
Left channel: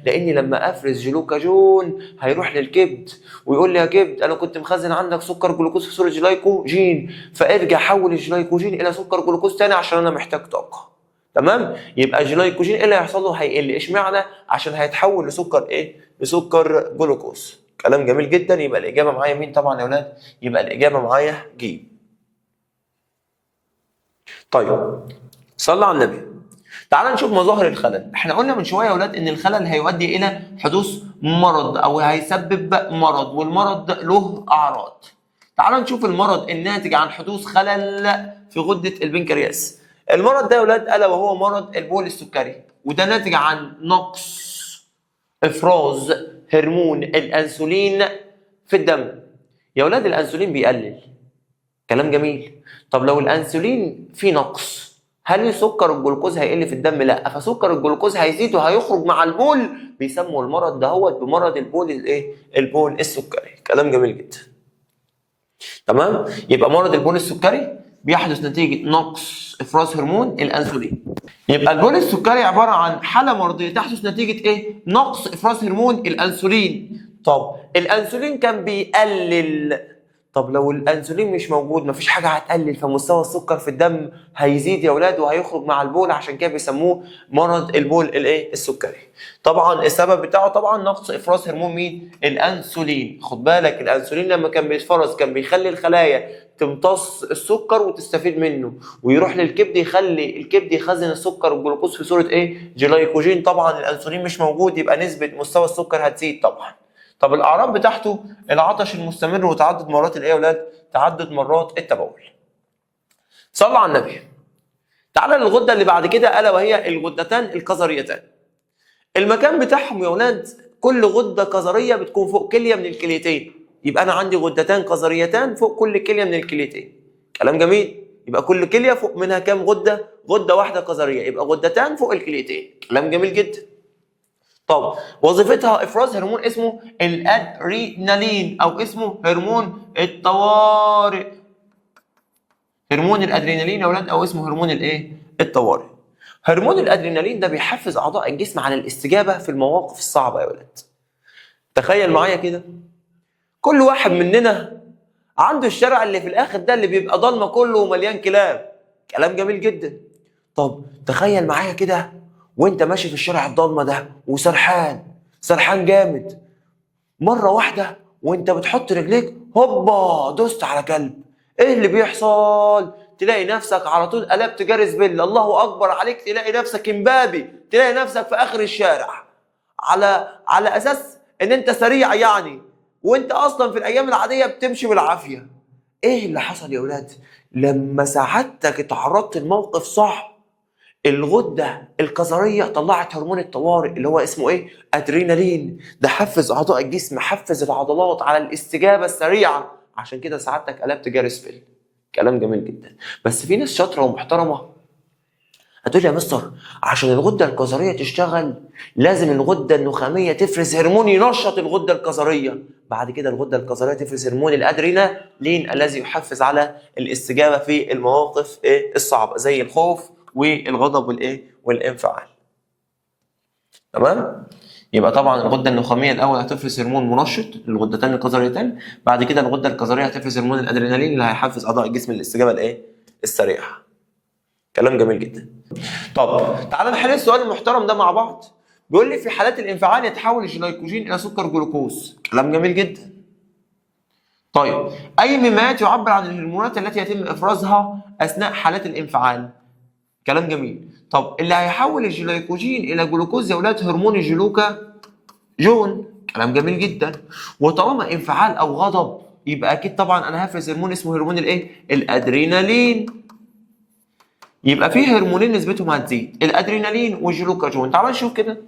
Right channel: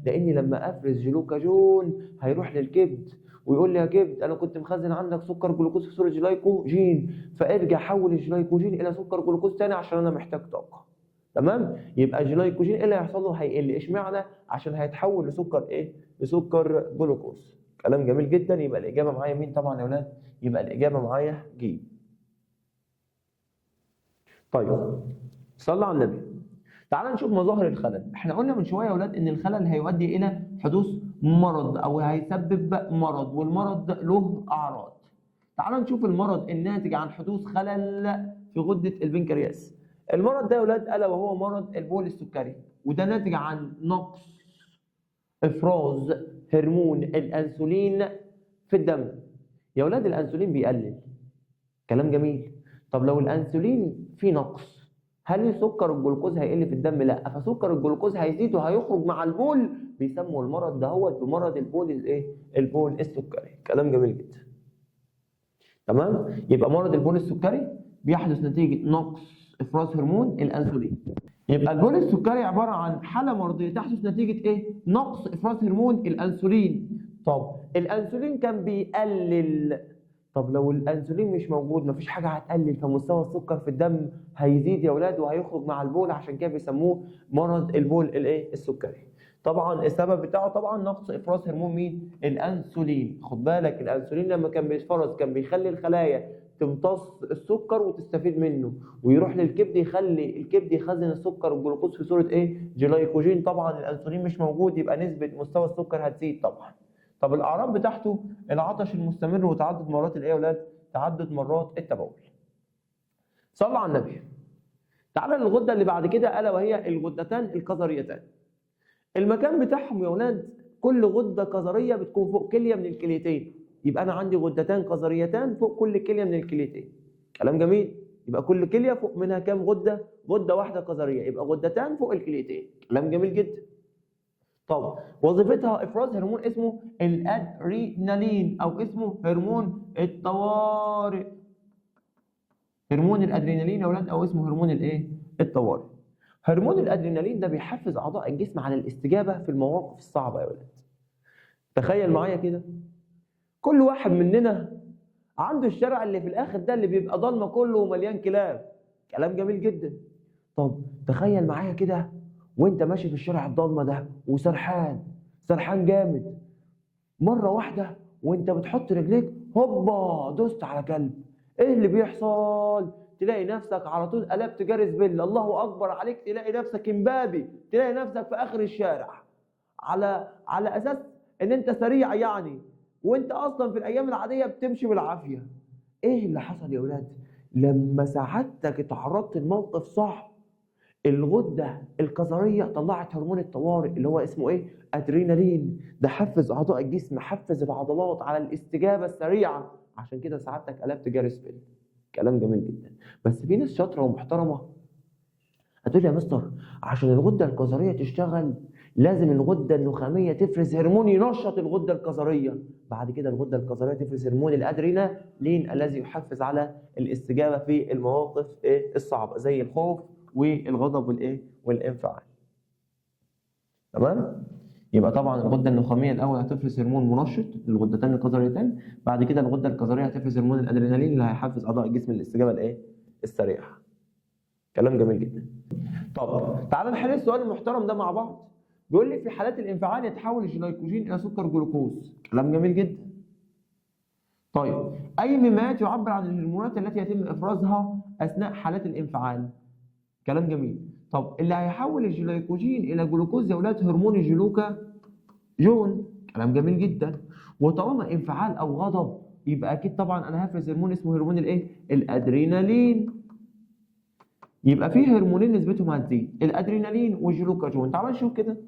لاني لما افرز جلوكاجون هيروح للكبد ويقول لي يا كبد انا كنت مخزن عندك سكر جلوكوز في صوره جلايكوجين، فارجع حول الجلايكوجين الى سكر جلوكوز تاني عشان انا محتاج طاقه. تمام؟ يبقى الجلايكوجين ايه اللي هيحصل له؟ هيقل. اشمعنى؟ عشان هيتحول لسكر ايه؟ لسكر جلوكوز. كلام جميل جدا. يبقى الاجابه معايا مين طبعا يا اولاد؟ يبقى الاجابه معايا ج. طيب صلى على النبي. تعال نشوف مظاهر الخلل. احنا قلنا من شويه يا اولاد ان الخلل هيؤدي الى حدوث مرض او هيسبب مرض، والمرض له اعراض. تعال نشوف المرض الناتج عن حدوث خلل في غده البنكرياس. المرض ده يا اولاد الا وهو مرض البول السكري، وده ناتج عن نقص افراز هرمون الانسولين في الدم. يا اولاد الانسولين بيقلل. كلام جميل. طب لو الانسولين فيه نقص هل سكر الجلوكوز هيقل في الدم؟ لا، فسكر الجلوكوز هيزيد وهيخرج مع البول. بيسموا المرض دهوت بمرض البول الايه؟ البول السكري. كلام جميل جدا. تمام؟ يبقى مرض البول السكري بيحدث نتيجه نقص افراز هرمون الانسولين. يبقى البول السكري عباره عن حاله مرضيه تحدث نتيجه ايه؟ نقص افراز هرمون الانسولين. طب الانسولين كان بيقلل، طب لو الانسولين مش موجود مفيش حاجه هتقلل، فمستوى السكر في الدم هيزيد يا اولاد وهيخرج مع البول، عشان كده بيسموه مرض البول الايه؟ السكري. طبعا السبب بتاعه طبعا نقص افراز هرمون مين؟ الانسولين. خد بالك الانسولين لما كان بيتفرز كان بيخلي الخلايا تمتص السكر وتستفيد منه، ويروح للكبد يخلي الكبد يخزن السكر والجلوكوز في صوره ايه؟ جلايكوجين. طبعا الانسولين مش موجود يبقى نسبه مستوى السكر هتزيد طبعا. طب الاعراض بتاعته العطش المستمر وتعدد مرات الايه يا اولاد؟ تعدد مرات التبول. صلوا على النبي. تعالى للغده اللي بعد كده الا وهي الغدتان الكظريتان. المكان بتاعهم يا اولاد كل غده كظريه بتكون فوق كليه من الكليتين، يبقى انا عندي غدتان كظريتان فوق كل كليه من الكليتين. كلام جميل. يبقى كل كليه فوق منها كام غده؟ غده واحده كظريه، يبقى غدتان فوق الكليتين. كلام جميل جدا. طب وظيفتها افراز هرمون اسمه الادرينالين او اسمه هرمون الطوارئ. هرمون الادرينالين يا اولاد او اسمه هرمون الايه؟ الطوارئ. هرمون الادرينالين ده بيحفز اعضاء الجسم على الاستجابه في المواقف الصعبه يا اولاد. تخيل معايا كده، كل واحد مننا عنده الشارع اللي في الاخر ده اللي بيبقى ضلمه كله ومليان كلاب. كلام جميل جدا. طب تخيل معايا كده وانت ماشي في الشارع الضلمه ده وسرحان جامد، مره واحده وانت بتحط رجليك هوبا دوست على كلب. ايه اللي بيحصل؟ تلاقي نفسك على طول قلبت جاري زبيل، الله اكبر عليك، تلاقي نفسك امبابي، تلاقي نفسك في اخر الشارع على اساس ان انت سريع يعني، وانت اصلا في الايام العاديه بتمشي بالعافيه. ايه اللي حصل يا اولاد؟ لما سعادتك اتعرضت لموقف صعب، الغده الكظريه طلعت هرمون الطوارئ اللي هو اسمه ايه؟ ادرينالين. ده حفز اعضاء الجسم، حفز العضلات على الاستجابه السريعه، عشان كده سعادتك قلبت جاري سبيل. كلام جميل جدا. بس في ناس شاطره ومحترمه هتقول يا مستر عشان الغده الكظريه تشتغل لازم الغده النخاميه تفرز هرمون ينشط الغده الكظريه، بعد كده الغده الكظريه تفرز هرمون الادرينالين الذي يحفز على الاستجابه في المواقف الصعبه زي الخوف والغضب والانفعال. تمام؟ يبقى طبعا الغده النخاميه الاول هتفرز هرمون منشط للغدتين الكظريتين، بعد كده الغده الكظريه هتفرز هرمون الادرينالين اللي هيحفز اعضاء الجسم للاستجابه السريعه. كلام جميل جدا. طب تعالى نحل السؤال المحترم ده مع بعض. بيقول لي في حالات الانفعال يتحول الجلايكوجين الى سكر جلوكوز. كلام جميل جدا. طيب اي مما يعبر عن الهرمونات التي يتم افرازها اثناء حالات الانفعال؟ كلام جميل. طب اللي هيحول الجلايكوجين الى جلوكوز يا اولاد هرمون الجلوكاجون. كلام جميل جدا. وطالما انفعال او غضب يبقى اكيد طبعا انا هفرز هرمون اسمه هرمون الادرينالين. يبقى فيه هرمونين نسبتهم هتزيد، الادرينالين والجلوكاجون. تعال نشوف كده،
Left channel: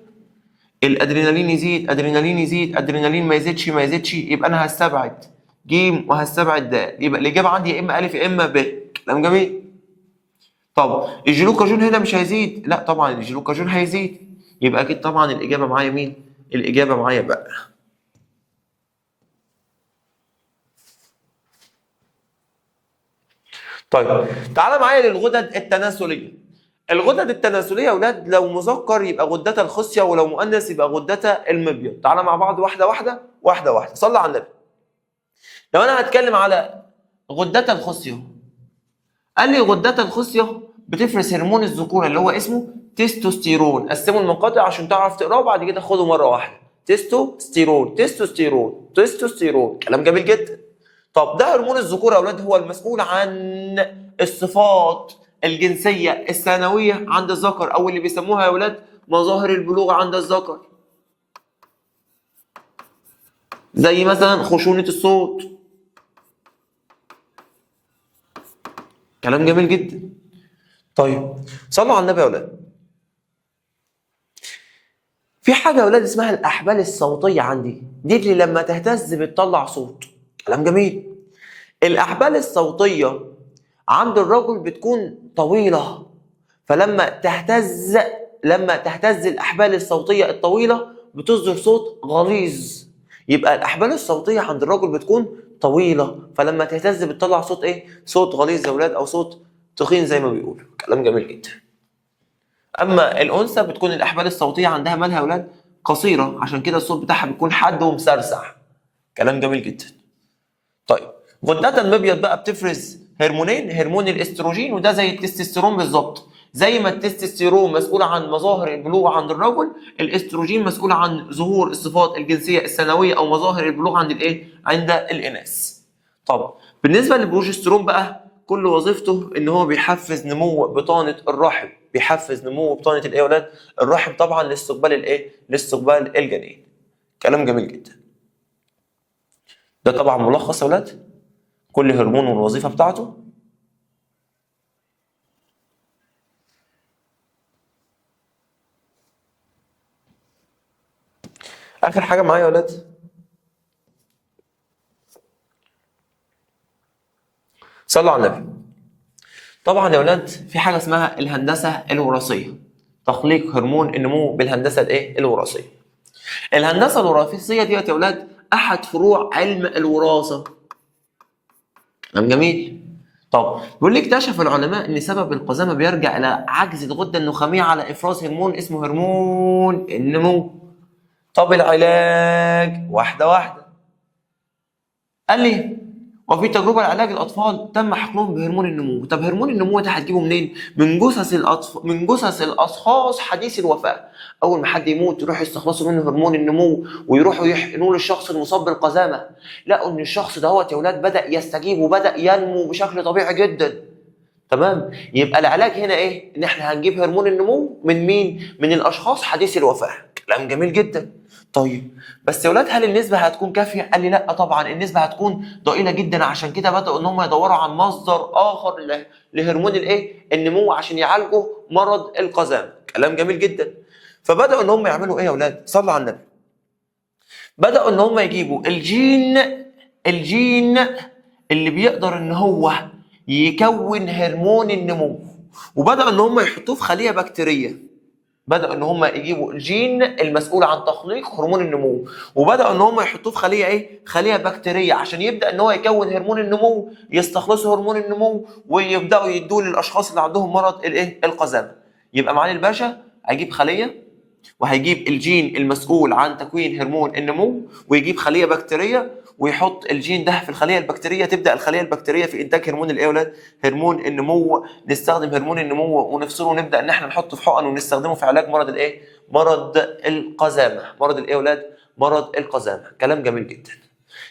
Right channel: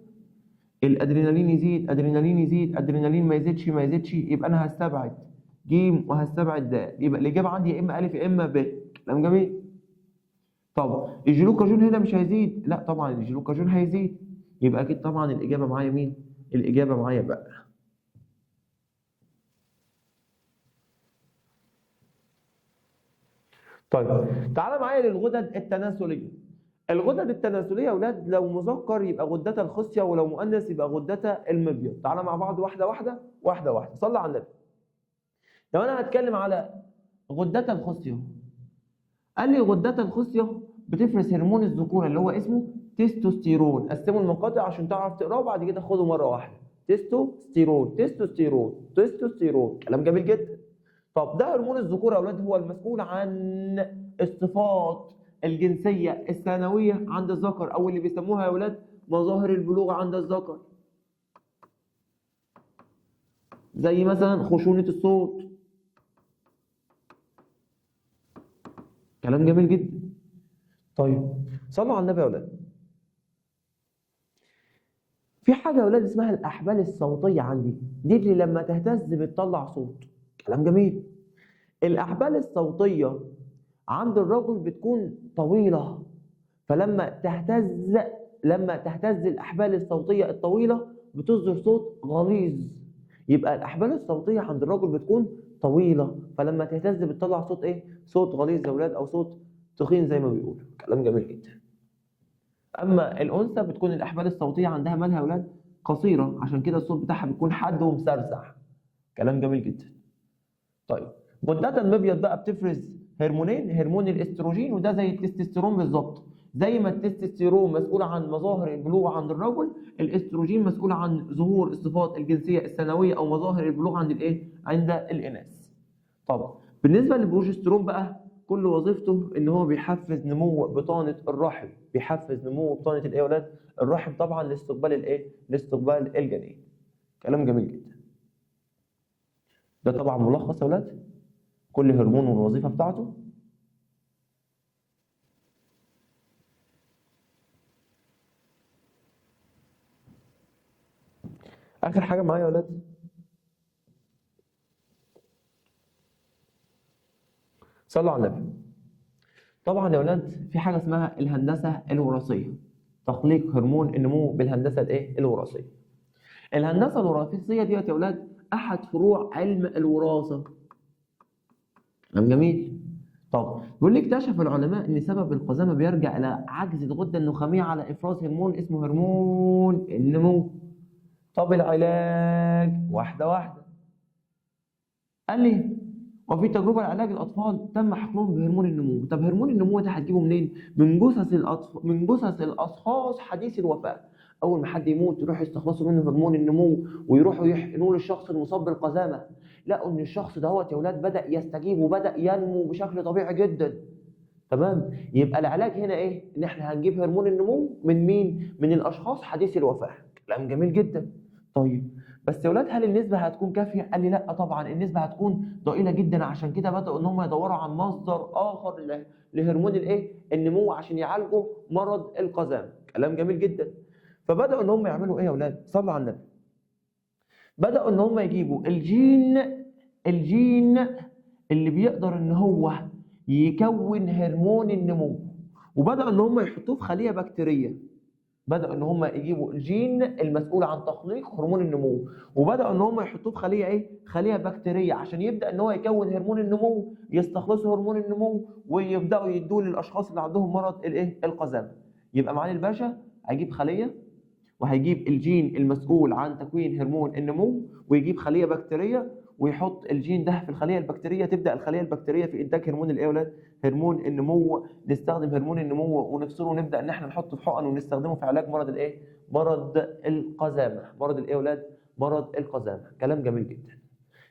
الادرينالين يزيد، ادرينالين يزيد، ادرينالين ما يزيدش، يبقى انا هستبعد ج وهستبعد د، يبقى الاجابه عندي يا اما الف يا اما ب. كلام جميل. طب الجلوكاجون هنا مش هيزيد، لا طبعا الجلوكاجون هيزيد، يبقى اكيد طبعا الاجابه معايا مين؟ الاجابه معايا بقى. طيب تعالى معايا للغدد التناسليه. الغدد التناسليه يا اولاد لو مذكر يبقى غدة الخصيه، ولو مؤنث يبقى غدة المبيض. تعالى مع بعض واحده واحده. صلى على النبي. لو انا هتكلم على غدة الخصيه، قال لي غدة الخصيه بتفرز هرمون الذكوره اللي هو اسمه تستوستيرون. قسموا المقاطع عشان تعرف تقراه وبعد كده خده مره واحده. تستوستيرون. كلام جميل جدا. طب ده هرمون الذكوره يا اولاد هو المسؤول عن الصفات الجنسيه الثانويه عند الذكر، او اللي بيسموها يا اولاد مظاهر البلوغ عند الذكر، زي مثلا خشونه الصوت. كلام جميل جدا. طيب صلوا على النبي يا اولاد. في حاجه يا اولاد اسمها الاحبال الصوتيه عندي، دي اللي لما تهتز بتطلع صوت. كلام جميل. الاحبال الصوتيه عند الرجل بتكون طويله، فلما تهتز الاحبال الصوتيه الطويله بتصدر صوت غليظ. يبقى الاحبال الصوتيه عند الرجل بتكون طويله، فلما تهتز بتطلع صوت ايه؟ صوت غليظ يا ولاد او صوت تخين زي ما بيقولوا. كلام جميل جدا. اما الانثى بتكون الاحبال الصوتيه عندها مالها يا ولاد؟ قصيره، عشان كده الصوت بتاعها بيكون حاد ومسرسع. كلام جميل جدا. طيب غدة المبيض بقى بتفرز هرمونين، هرمون الاستروجين وده زي التستوستيرون بالظبط. زي ما التستوستيرون مسؤول عن مظاهر البلوغ عند الرجل، الاستروجين مسؤول عن ظهور الصفات الجنسيه الثانويه او مظاهر البلوغ عند الايه؟ عند الاناث. طب بالنسبه للبروجسترون بقى، كل وظيفته ان هو بيحفز نمو بطانه الرحم، بيحفز نمو بطانه الايه يا ولاد؟ الرحم، طبعا لاستقبال الايه؟ لاستقبال الجنين. كلام جميل جدا. ده طبعا ملخص يا ولاد كل هرمون والوظيفه بتاعته. اخر حاجه معايا يا ولاد، صلوا على النبي. طبعا يا ولاد في حاجه اسمها الهندسه الوراثيه، تخليق هرمون النمو بالهندسه الايه؟ الوراثيه. الهندسه الوراثيه ديت يا ولاد احد فروع علم الوراثه. كلام جميل. طب بيقول لي اكتشف العلماء ان سبب القزامه بيرجع الى عجز الغده النخاميه على افراز هرمون اسمه هرمون النمو. طب العلاج؟ واحده واحده. قال لي وفي تجربه لعلاج الاطفال تم حقنهم بهرمون النمو. طب هرمون النمو ده هتجيبه منين؟ من جثث الاطفال، من جثث الاشخاص حديث الوفاه. اول ما حد يموت يروحوا يستخلصوا منه هرمون النمو ويروحوا يحقنوه للشخص المصاب بالقزامه. لقوا ان الشخص دهوت يا اولاد بدا يستجيب وبدا ينمو بشكل طبيعي جدا. تمام؟ يبقى العلاج هنا ايه؟ ان احنا هنجيب هرمون النمو من مين؟ من الاشخاص حديث الوفاه. كلام جميل جدا. طيب بس يا ولاد هل النسبه هتكون كافيه؟ قال لي لا طبعا النسبه هتكون ضئيله جدا، عشان كده بداوا ان هم يدوروا عن مصدر اخر لهرمون الايه؟ النمو عشان يعالجوا مرض القزام. كلام جميل جدا. فبداوا ان هم يعملوا ايه يا ولاد؟ صلوا على النبي. بداوا ان هم يجيبوا الجين اللي بيقدر ان هو يكون هرمون النمو، وبداوا ان هم يحطوه في خليه بكتيريه. بدأوا ان هم يجيبوا الجين المسؤول عن تخليق هرمون النمو، وبدأوا ان هم يحطوه في خليه ايه؟ خليه بكتيريه، عشان يبدأ ان هو يكون هرمون النمو، يستخلصوا هرمون النمو ويبدأوا يدوه للاشخاص اللي عندهم مرض الايه؟ القزامه. يبقى معالي الباشا هيجيب خليه وهيجيب الجين المسؤول عن تكوين هرمون النمو، ويجيب خليه بكتيريه ويحط الجين ده في الخليه البكتيريه، تبدا الخليه البكتيريه في انتاج هرمون الايه يا ولاد؟ هرمون النمو. نستخدم هرمون النمو ونفصله ونبدا ان احنا نحطه في حقن ونستخدمه في علاج مرض الايه؟ مرض القزامه. مرض الايه يا ولاد؟ مرض القزامه. كلام جميل جدا.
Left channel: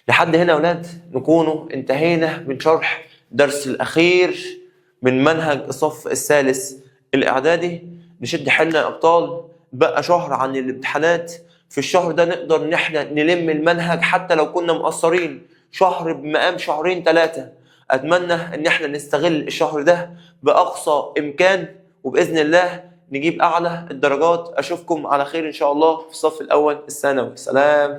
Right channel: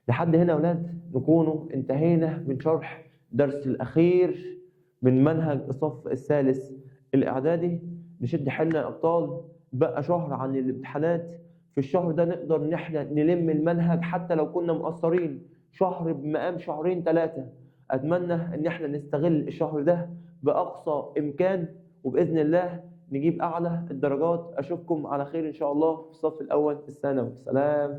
لحد هنا يا ولاد نكونوا انتهينا من شرح درس الاخير من منهج الصف الثالث الاعدادي. نشد حيلنا يا ابطال، بقى شهر عن الامتحانات. في الشهر ده نقدر ان احنا نلم المنهج حتى لو كنا مقصرين، شهر بمقام شهرين 3. اتمنى ان احنا نستغل الشهر ده باقصى امكان، وباذن الله نجيب اعلى الدرجات. اشوفكم على خير ان شاء الله في الصف الاول الثانوي. سلام.